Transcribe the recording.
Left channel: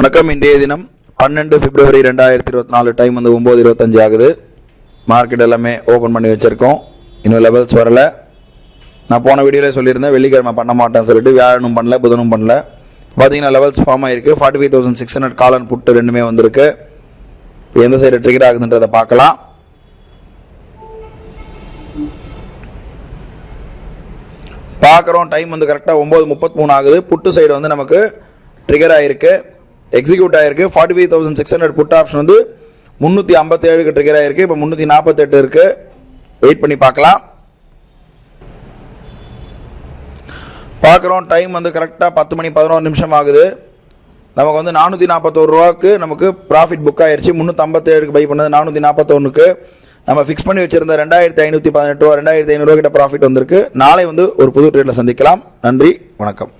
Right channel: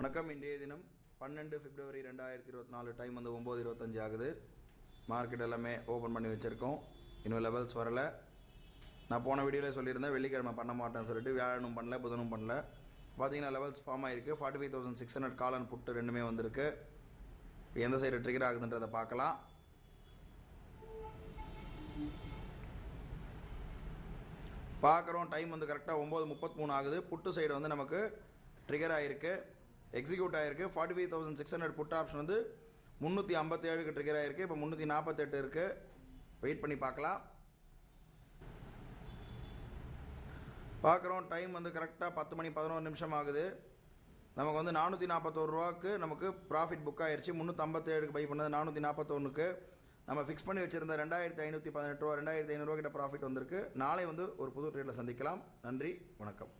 வணக்கம். இன்றைய தினம் 12 பிப்ரவரி 2024. டைம் வந்து 9:25 ஆகுது. மார்க்கெட் எல்லாமே ஓப்பன் பண்ணி வச்சுருக்கோம். இன்னும் லெவல்ஸ் வரலை. நான் போன வீடியோவில் சொல்லியிருந்தேன் வெள்ளிக்கிழமை பண்ண மாட்டேன்னு சொல்லிட்டு. வியாழனும் பண்ணல, புதனும் பண்ணல. பார்த்தீங்கன்னா லெவல்ஸ் ஃபார்ம் ஆகிருக்கு. 45,600 கால் அண்ட் புட்டு ரெண்டுமே வந்திருக்கு. இப்போ எந்த சைடு ட்ரிகர் ஆகுதுன்றதை பார்க்கலாம். பார்க்குறோம். டைம் வந்து கரெக்டாக 9:33 ஆகுது. புட்டு சைடு வந்து நமக்கு ட்ரிகர் ஆகிருக்கு, எக்ஸிக்யூட் ஆகிருக்கு. 45,600 புட் ஆப்ஷன் வந்து 357க்கு ட்ரிகர் ஆகிருக்கு. இப்போ 348 இருக்குது. வெயிட் பண்ணி பார்க்கலாம். பார்க்குறோம். டைம் வந்து கரெக்டாக 10:11 ஆகுது. நமக்கு வந்து 441 ரூபாய்க்கு நமக்கு ப்ராஃபிட் புக் ஆகிடுச்சு. 357க்கு பை பண்ணது 441க்கு. நம்ம ஃபிக்ஸ் பண்ணி வச்சுருந்த 2,518 ரூபா, 2,500 ரூபா கிட்ட ப்ராஃபிட் வந்திருக்கு. நாளை வந்து ஒரு புது ட்ரேடில் சந்திக்கலாம். நன்றி, வணக்கம்.